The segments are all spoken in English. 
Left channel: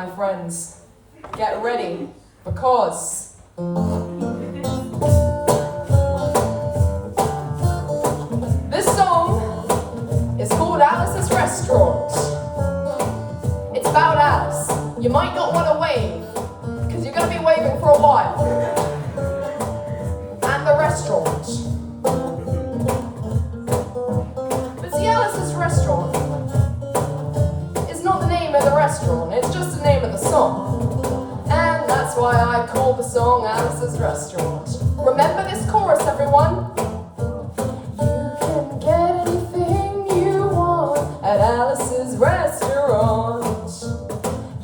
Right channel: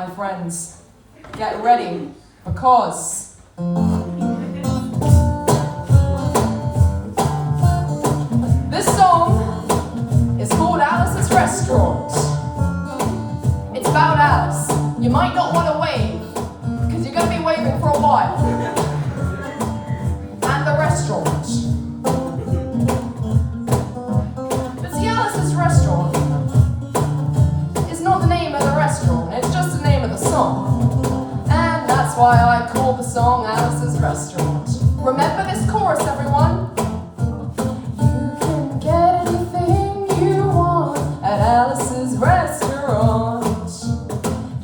my friends. Get ready, because this song is called Alice's Restaurant. It's about Alice. You might not want to wave, because you're going to be waving for a while. And the restaurant. But see, Alice's Restaurant is not the name of the restaurant, it's just the name of the song. And that's why I call the song Alice's Restaurant. Remember this chorus, everyone? You can get anything you want at Alice's Restaurant.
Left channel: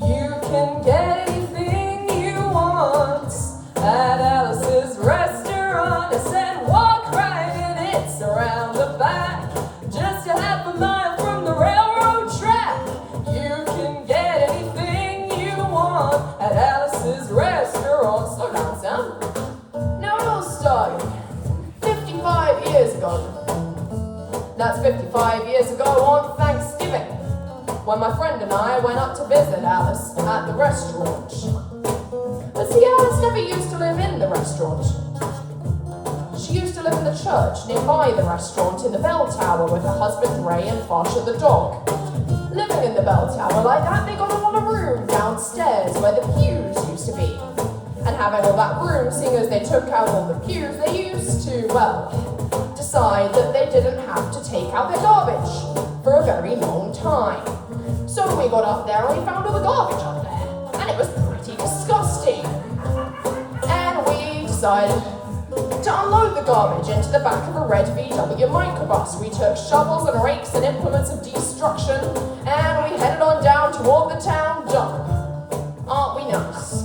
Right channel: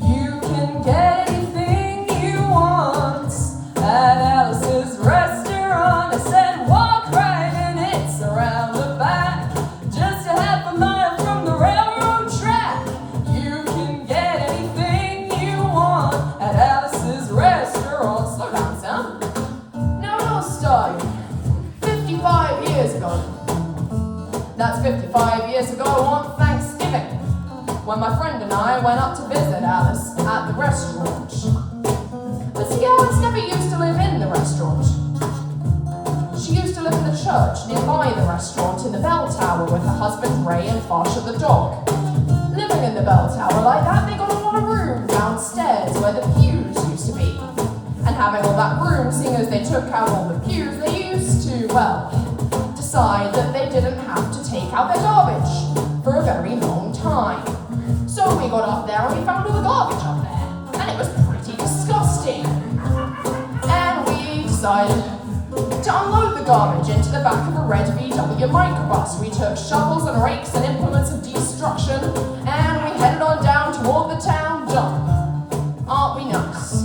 You can get anything you want at Alice's Restaurant. I said walk right in, it's around the back, just a half a mile from the railroad track. You can get anything you want at Alice's Restaurant. Slow down, Sam. Now it all started 55 years ago. That's 55 years ago on Thanksgiving, when my friend and I went up to visit Alice at the restaurant. But see, Alice never used to live in the restaurant. She used to live in the church nearby the restaurant in the bell tower with her husband Ray and Farsha the dog. Living in the bell tower like that, they got a lot of room downstairs where the pews used to be. And having all that room, seeing as they took out all the pews, they used to, well, decide that they didn't have to take out their garbage for a very long time. So we got up there and we found all the garbage up there, and it was pretty disgusting. And we decided to unload the garbage into the back of a red VW microbus. We took shovels and rakes and implements of destruction, and we headed on down toward the town dump. Aren't we nuts?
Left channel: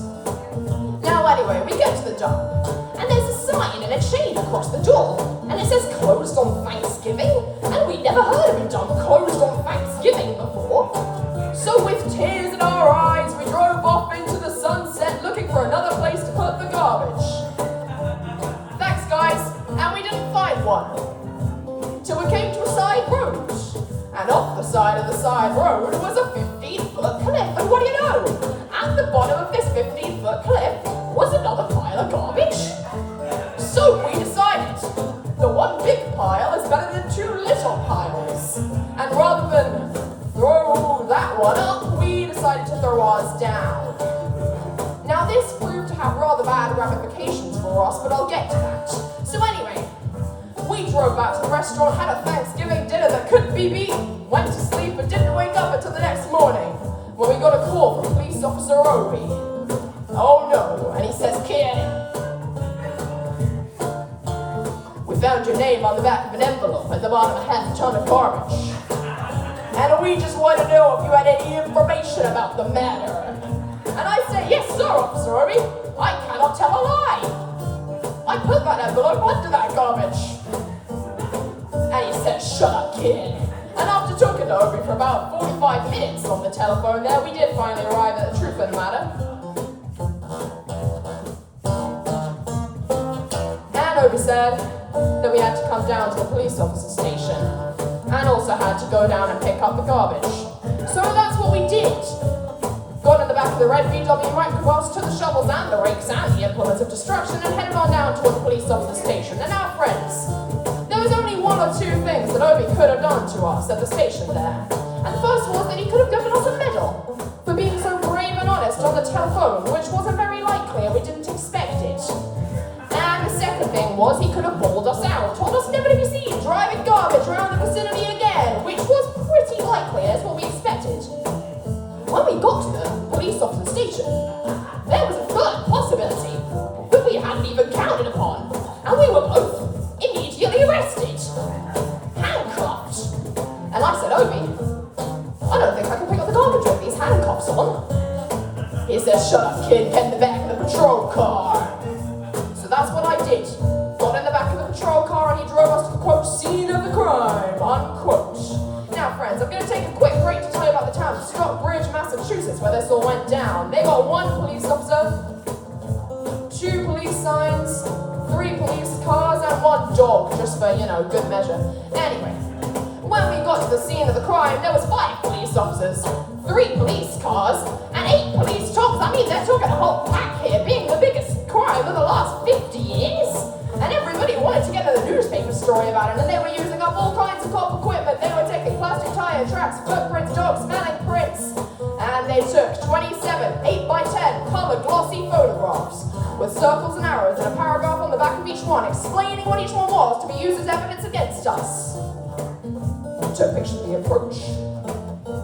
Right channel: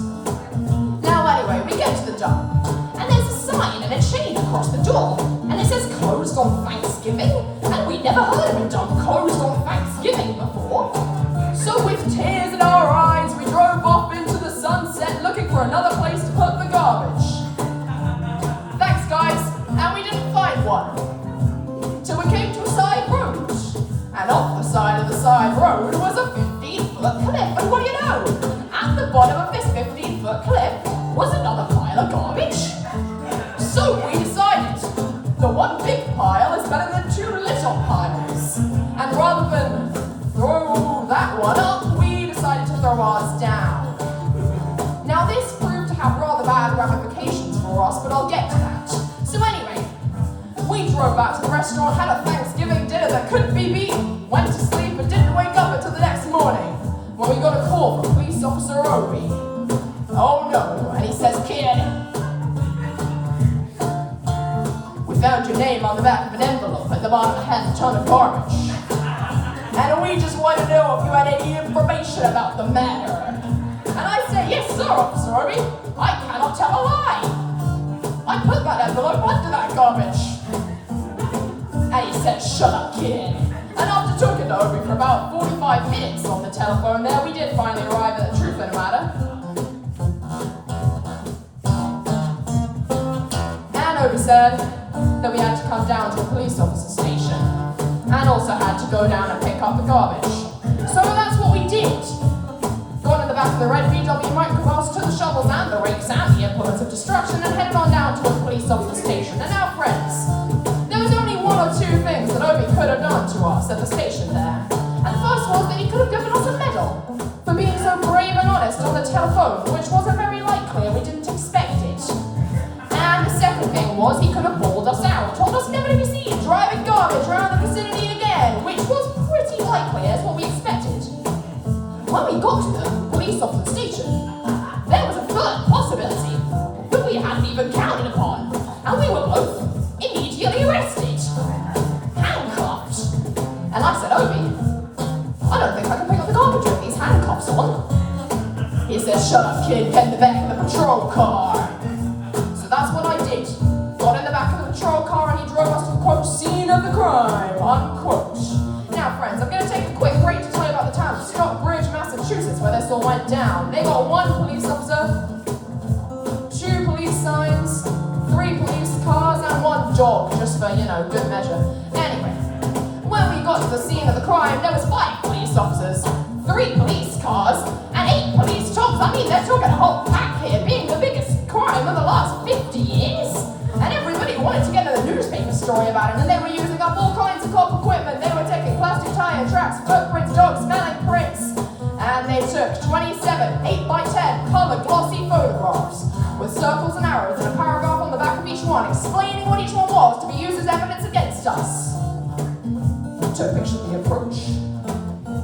Now anyway, we get to the dump, and there's a sign and a chain across the door, and it says closed on Thanksgiving, and we never heard of a dump closed on Thanksgiving before. So with tears in our eyes, we drove off into the sunset looking for another place to put the garbage. Thanks, guys, and we didn't find one. Till we came to a side road, and off the side of the side road was a 15-foot cliff, and what do you know? At the bottom of this 15-foot cliff was another pile of garbage. So we decided the one big pile is better than two little piles, and rather than throw that one up, we decided to throw ours down. Now this proved to have rather bad ramifications for us, but I'll get to that. So anyway, we drove back to the restaurant, had a Thanksgiving dinner that couldn't be beaten, went to sleep and didn't wake up until the next morning, when we got a call from Police Officer Obi. Oh no, and he says, "Kid, we found your name on the back of an envelope at the bottom of a half ton of garbage. And we just want to know if you had any information about the matter." And I say, "Yes, sir, Officer Obi. I cannot tell a lie. I put that envelope under that garbage." And he said, "Shut up, kid." And after talking to Obi for about 45 minutes on the telephone there, we did finally arrive at the truth of the matter. And Obi said that we had to come down to the police officer station, and also had to go down and pick up the garbage. So that's what we did. Got in the back of the red VW microbus, took the shovels and the rakes and the implements of destruction, and headed on down to the police officer station. And now, friends, there was only one or two things that Obi could have done to us at the station there. And the first was that he could have given us a medal for being so brave and honest on the telephone, which wasn't very likely and we didn't expect it. And the second thing was he could have bawled us out, told us never to be seen driving garbage around the vicinity again, which was pretty likely as what we expected. When we got to the police officer station, there was a third possibility that we hadn't even counted upon, and we were both immediately arrested, handcuffed. And I said, "Obi, I don't think I can pick up the garbage with these handcuffs on." He said, "Shut up, kid, get in the back of the patrol car." So that's what I did. Got in the back of the patrol car and he drove us to the, quote, scene of the crime, unquote. Now, friends, I'm going to take a quick break to tell you about the town of Stockbridge, Massachusetts, where this all went down. They got one police officer, 2 police signs, 3 police cars, and 1 dog, just for, good measure. Anyway, when we got to the scene of the crime, there was 5 police officers, 3 police cars, and 8 police mean, they're talking a whole pack here, being the biggest crime of the last 50 years. And everybody wanted to get a newspaper story about it, and they were using up all kinds of cop equipment. They were taking plastic tire tracks, footprints, dog smelling prints. And they took 27 8x10 colored glossy photographs with circles and arrows and a paragraph on the back of each one explaining what each one was to be used as evidence against us. We took pictures of the approach,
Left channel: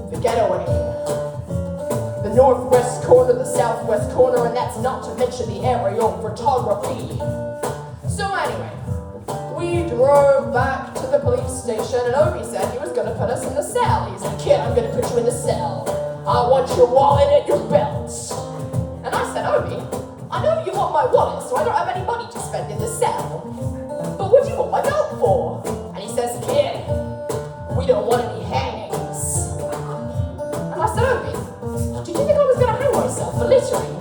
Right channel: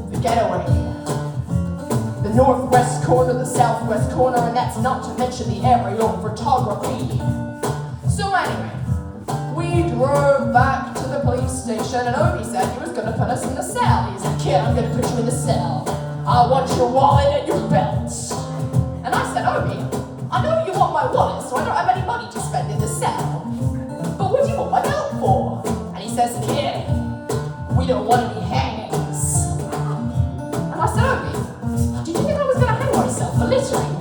the getaway, the northwest corner, the southwest corner, and that's not to mention the aerial photography. So anyway, we drove back to the police station, and Obi said he was going to put us in the cell. He said, "Kid, I'm going to put you in the cell. I want your wallet and your belt." And I said, "Obi, I know you want my wallet, so I don't have any money to spend in the cell. But what do you want my belt for?" And he says, "Kid, we don't want any hangings." And I said, "Obi, did you think I was going to hang myself for littering?"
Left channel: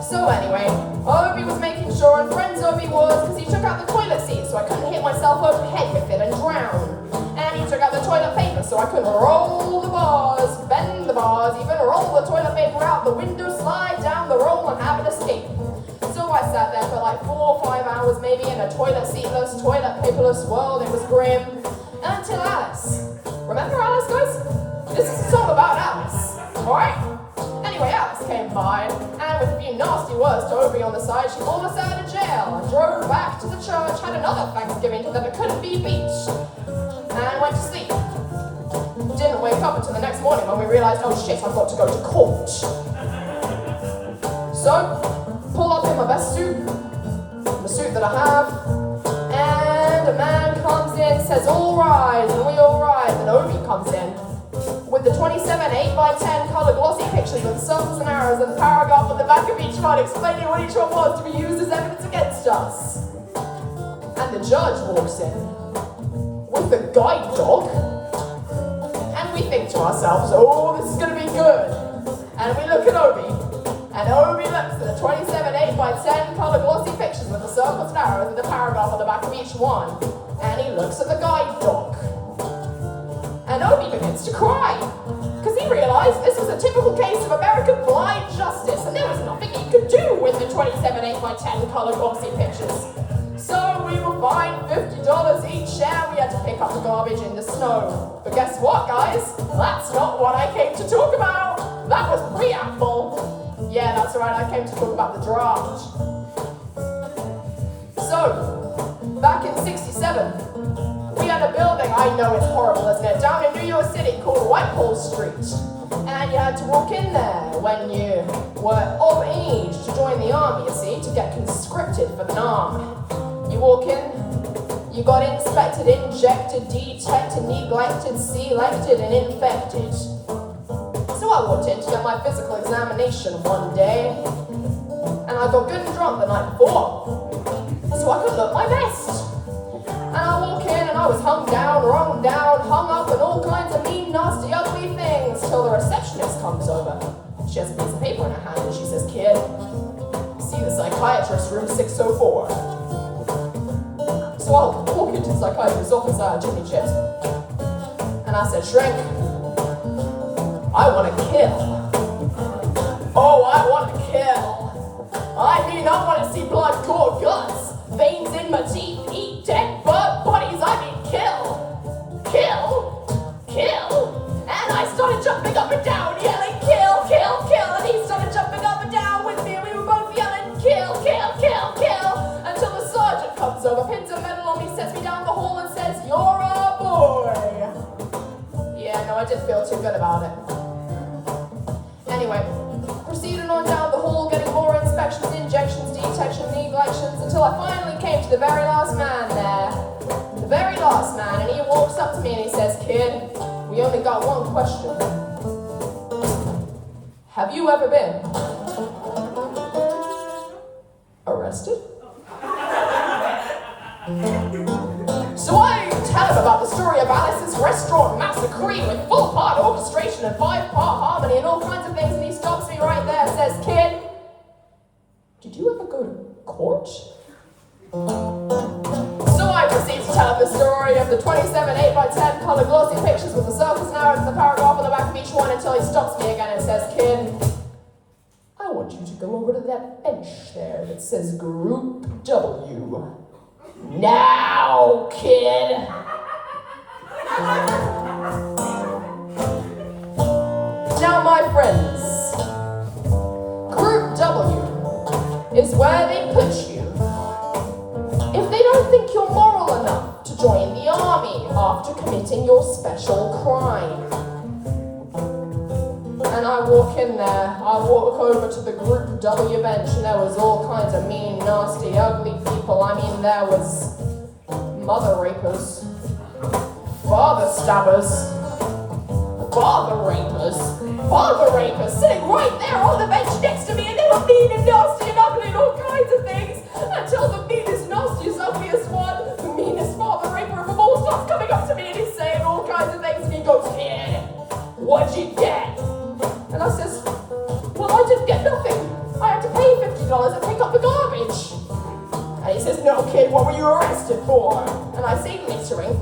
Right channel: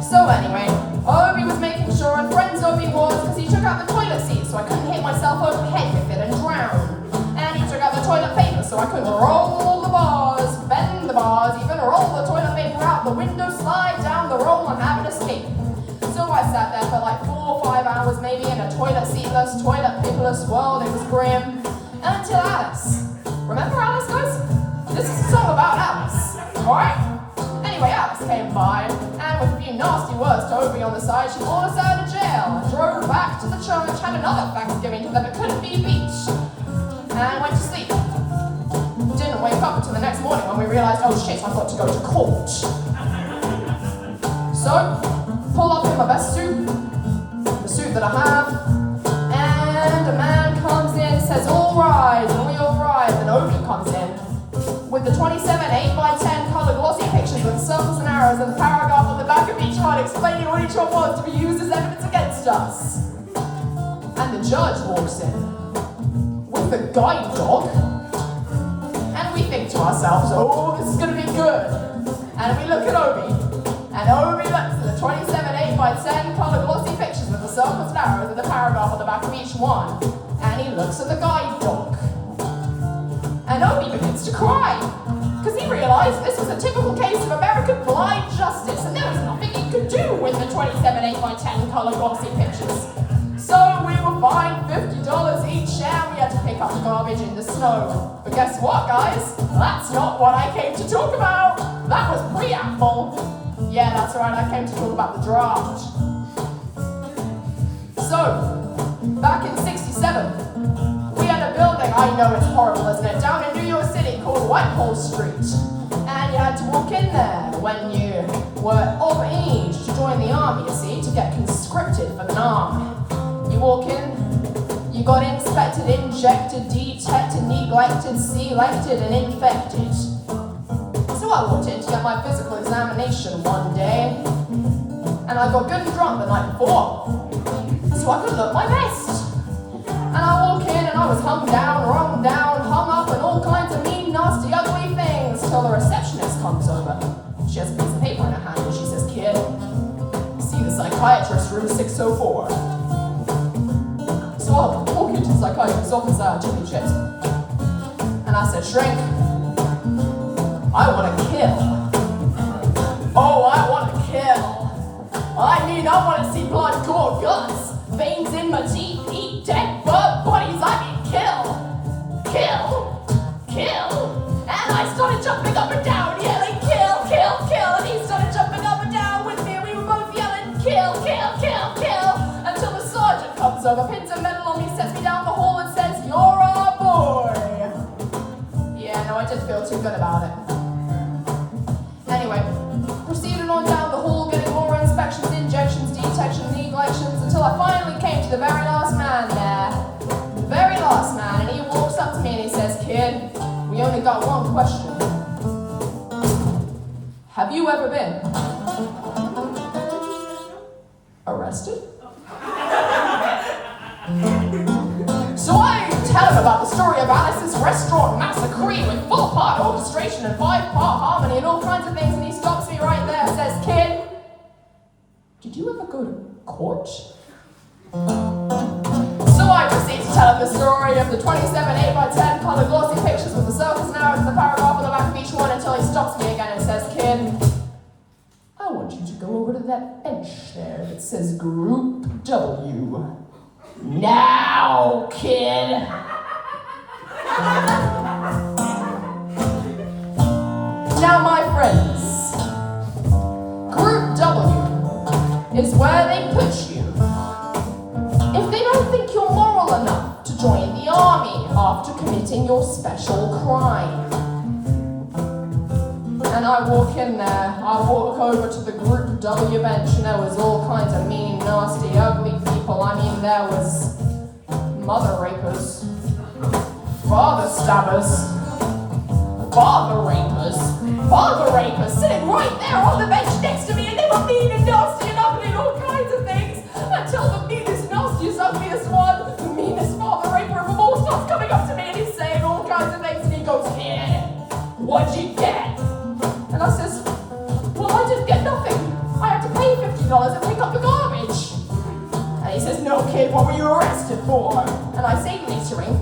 So anyway, Obi was making sure, and friends Obi was, because he took out the toilet seat so I couldn't hit myself over the head with it and drown. And he took out the toilet paper so I couldn't roll the bars, bend the bars, even roll the toilet paper out the window, slide down the roll and have an escape. So I sat there for like 4 or 5 hours maybe in a toilet seatless, toilet paperless world. It was grim. Until Alice. Remember Alice, guys? This is a song about Alice, alright? Anyway, Alice came by, and with a few nasty words to Obi on the side, she pulled us out of jail and drove back to the church, had another Thanksgiving that it couldn't be beat, and went to sleep. Didn't wake up until the next morning when we realized, oh shit, I've got to go to court. So, pull up in my best suit, the suit that I have, and a man comes in, says, "All rise," and we all rise, and Obi comes in with the 27 8x10 colored glossy pictures with circles and arrows and a paragraph on the back of each one explaining what each one was to be used as evidence against us. And the judge walks in with the guide dog, and we think to ourselves, oh, this is going to be good. And we look at Obi, and Obi looks at the 27 8x10 colored glossy pictures with the circles and arrows and the paragraph on the back of each one, and he looks at the guide dog. And Obi begins to cry, because he realized this was a typical case of American blind justice, and there was nothing he could do with the 27 8x10 colored glossy pictures. So we were fined $50 each, and we had to pick up the garbage in the snow. But guess what, guys? That's not what I came to talk about. That was preamble. Yeah, that's right, I came to talk about the draft. So, back in '67, we had a building, I know it's horrible, isn't it, down in New York City called Whitehall Street. And you had to walk in there when you were of age to join the army, you see, to get conscripted for the army. You walk in, you got inspected, injected, detected, neglected, selected, and infected. So I walked in to get my physical examination one day, and I got good and drunk the night before, so I could look my best. And I walk in and I was hung down, wrung down, hung up, and all kinds of mean, nasty, ugly things, till the receptionist comes over. She has a piece of paper in her hand and she says, "Kid, see the psychiatrist, room 604. So I'll walk into the psychiatrist's office, Jimmy Chips, and I said, "Shrink, I want to kill. Oh, I want to kill. I mean, I want to see blood, gore, guts, veins in my teeth, eat dead bodies. I mean, kill, kill, kill." And I started jumping up and down, yelling, "Kill, kill, kill." And he started jumping up and down with me, and we were both yelling, "Kill, kill, kill, kill," until the sergeant comes over, pins a medal on me, sets me down the hall, and says, "You're our boy." Yeah, no, I didn't feel too good about it. Anyway, proceeded on down the hall, getting more inspections, injections, detections, neglections, until I finally came to the very last man there. The very last man, and he walks up to me and he says, "Kid, we only got one question. Have you ever been arrested?" So I tell him about the story of Alice's restaurant massacre with full-part orchestration and 5-part harmony and all kinds of things, and he stops me right there and says, "Kid, did you ever go to court?" So I proceed to tell him the story of the 27 8x10 colored glossy pictures with the circles and arrows and the paragraph on the back of each one until he stops me again and says, "Kid, that bench there that says Group W. Now, kid! Now, my friends, Group W is where they put you if they don't think you're moral enough to join the army after committing your special crime. And I walk in there, I walk over to the Group W bench, and there was all kinds of mean, nasty, ugly people. I mean, there was mother rapers, father stabbers, father rapers sitting right there on the bench next to me, and they were mean and nasty and ugly and all kinds of things, until the meanest, nastiest, ugliest one, the meanest father raper of them all, starts coming up to me and he's saying all kinds of things, and he goes, "Kid, what'd you get?" And I says, "Well, I didn't get nothing. I had to pay $50 and pick up the garbage." And he says, "No, kid, what were you arrested for?" And I say littering,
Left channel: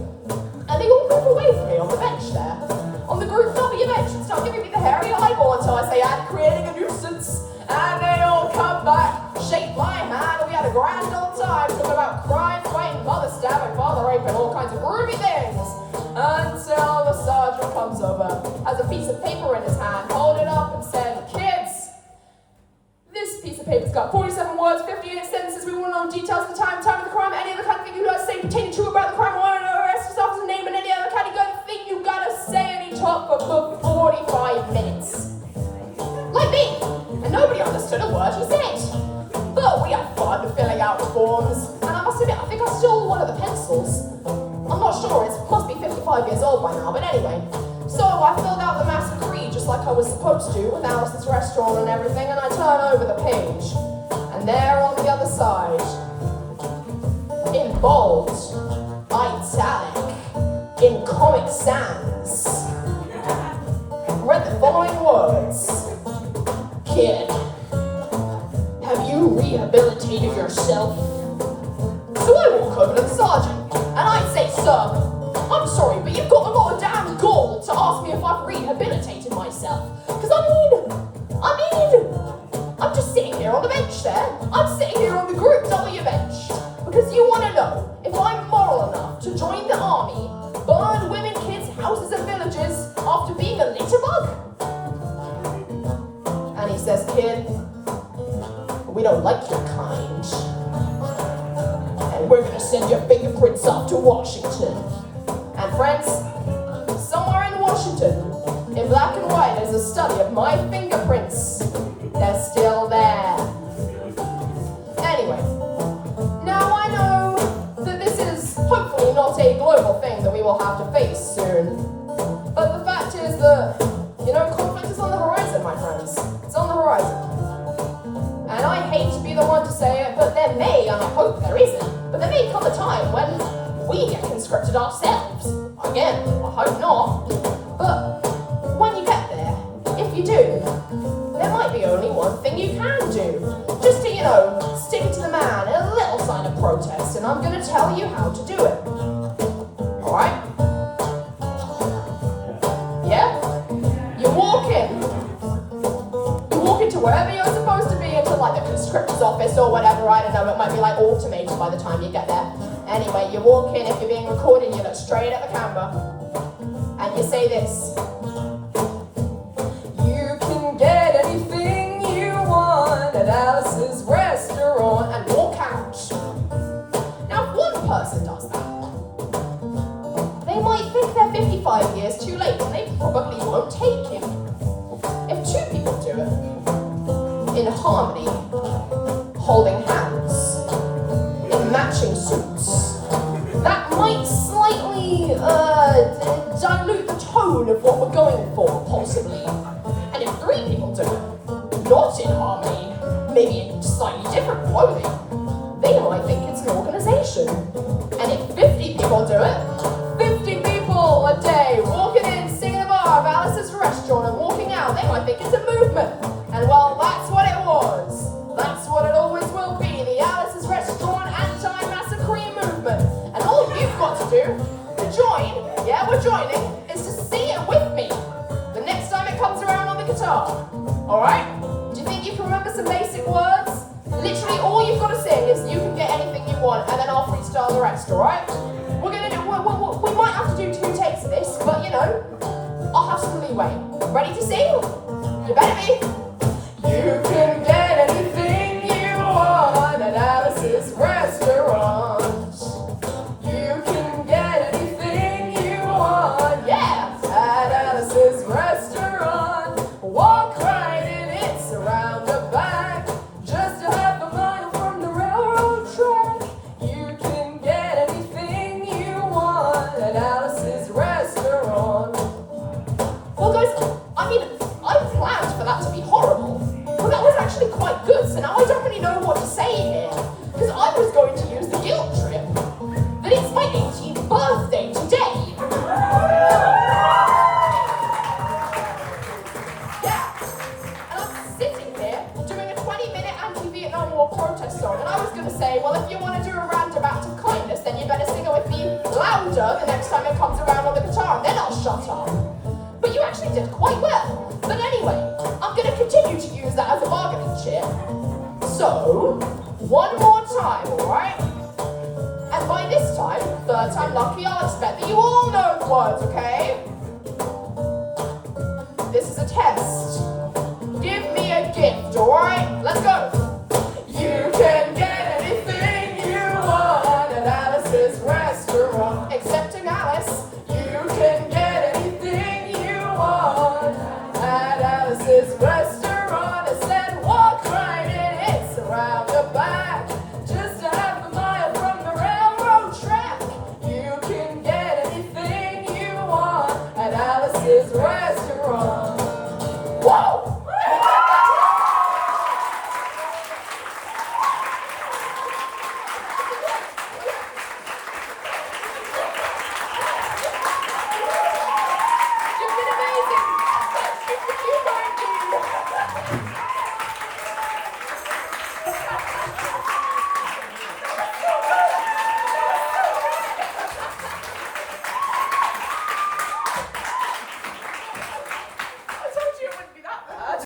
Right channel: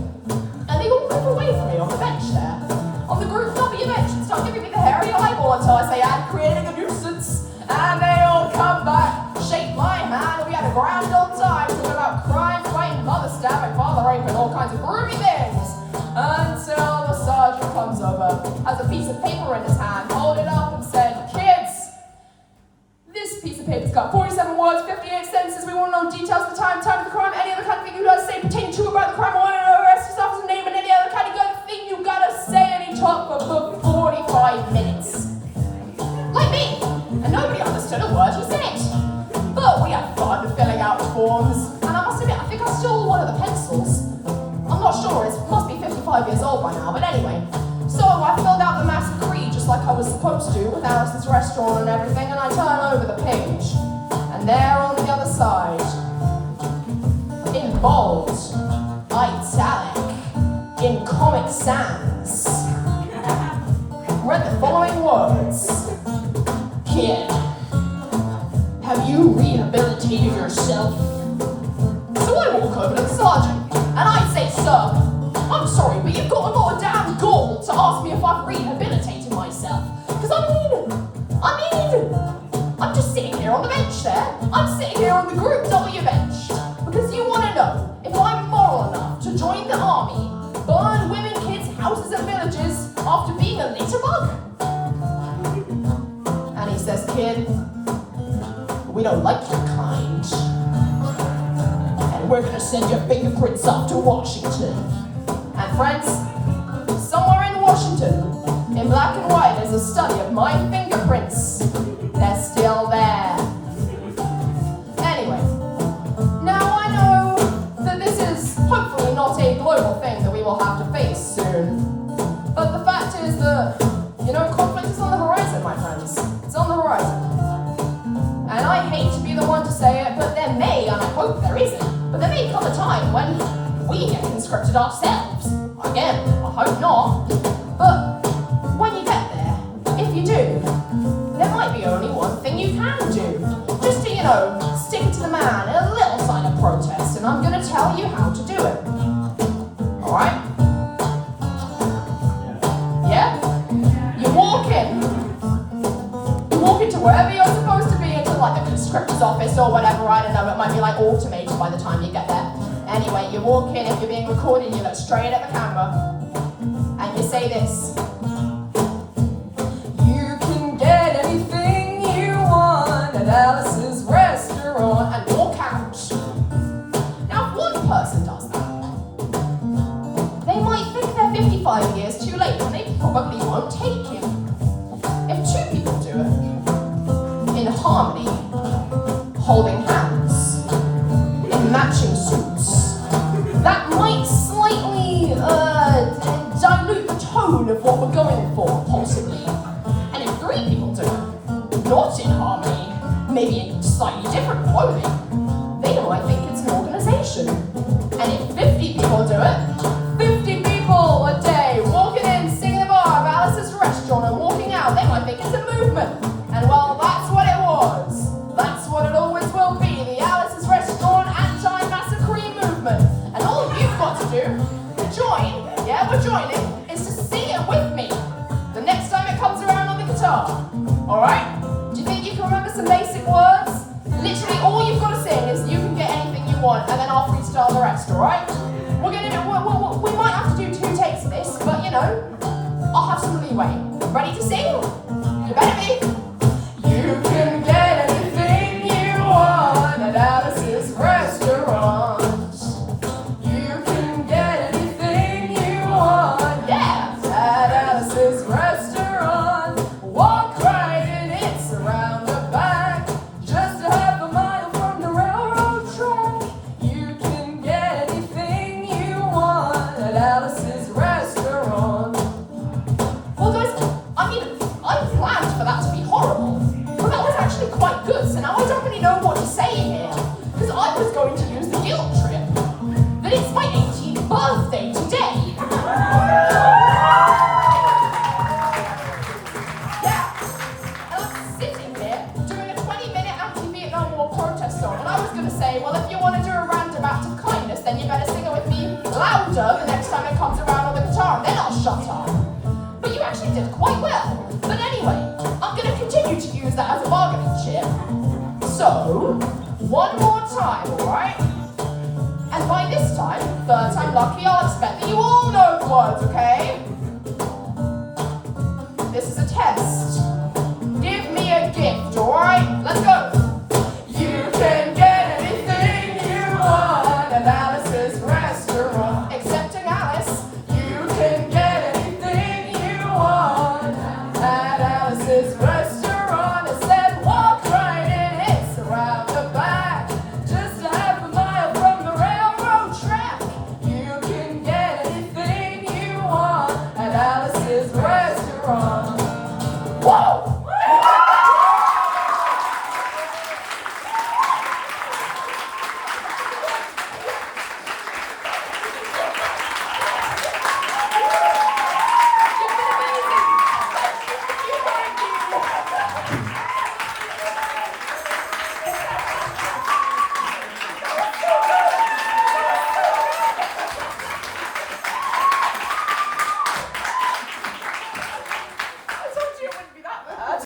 and they all move away from me on the bench there, on the Group W bench, and start giving me the hairy eyeball until I say I'm creating a nuisance, and they all come back, shake my hand, and we had a grand old time talking about crime, fighting, mother stabbing, father raping, all kinds of groovy things, until the sergeant comes over, has a piece of paper in his hand, hold it up and said, "Kids, this piece of paper's got 47 words, 58 sentences. We want to know details of the time of the crime, any other kind of thing you guys say pertaining to about the crime, or arrest yourself as a name, and any other kind of thing you gotta say." And he talked for 45 minutes. Like me. And nobody understood a word he said. But we had fun filling out the forms, and I must admit, I think I stole one of the pencils. I'm not sure, it must be 55 years old by now, but anyway. So I filled out the Master Creed just like I was supposed to with Alice's Restaurant and everything, and I turn over the page. And there on the other side, in bold, italic, in Comic Sans, read the following words: "Kid, have you rehabilitated yourself?" So I walk over to the sergeant, and I say, "Sir, I'm sorry, but you've got a lot of damn gall to ask me if I've rehabilitated myself. Because I'm just sitting here on the bench there. I'm sitting here on the Group W bench. Because you want to know if I'm moral enough to join the army, burn women, kids, houses and villages after being a litterbug?" And he says, "Kid, we don't like your kind. And we're going to send your fingerprints off to Washington." And friends, somewhere in Washington, in black and white, there's a study of my fingerprints. They're still there. Anyway, now I know that this is hopefully not a global thing that we will have to face soon. But the fact is that, conflict is on the horizon, my friends. It's on the horizon. And I hate to be the one to say it, but there may, and I hope there isn't, but there may come a time when we get conscripted ourselves. Again, I hope not. But when you get there, if you do, there might be only one thing you can do. Just to, stick it to the man in a little sign of protest, and I'm going to tell you how to do it. Alright? Yeah? You walk into wherever you're supposed to be, into like the conscriptor's office or whatever, I don't know, it might be like automated by the time you get there. Anyway, you walk in, if you're being recorded, you look straight at the camera, and you say this: "You can get anything you want at Alice's Restaurant," and walk out. Now, if one person does that, they might think they're 55 years too late, and they probably won't take him. If two people do it, in harmony, holding hands, in matching suits, that might slightly dilute the tone of what we're going for, possibly. And if three people do it, not in harmony, maybe in slightly different clothing, they might think it's an organization. And if 50 people do it, 50 people a day walking in, singing the bar of Alice's Restaurant and walking out, they might think it's a movement. And well, that's what it was. That's what it always will be, the Alice's Restaurant anti-massacre movement. And all you've got to do to join, yeah, we're joining, is to sing it with me the next time it comes around on the guitar. Alright? Do you think you can remember some basic words. Literally all you've got to sing is you can get anything you want, and then I'll freestyle the rest, alright? We're gonna do, we might have to do 2 takes of this, but you know, I'll have some leeway. Ready to sing? You better be. You can get anything you want at Alice's restaurant. You can get anything you want, yeah, at Alice's restaurant. Walk right in, it's around the back, just a half a mile from the railroad track. You can get anything you want at Alice's restaurant. Well guys, I mean, I planned for that to be horrible, but that was actually quite good, so now I don't really know what to say here, because I was going to use the guilt trip, that it's my 18th birthday today. Yeah, and I'm sitting here doing a 20-minute anti-Vietnam War protest song, and I was going to say, well, if you want to do a random act of kindness, then you better sing it with me louder the next time it comes around on the guitar, and then I'll shut up. But you actually did quite well. But anyway, I'm going to continue to use that as a bargaining chip. So, one more time, alright? And by this time, 3rd time lucky, I'll expect that you all know the words, okay? This is a test. Give me a gift, alright? Let's go. You can get anything you want at Alice's restaurant. Excepting Alice, you can get anything you want at Alice's restaurant.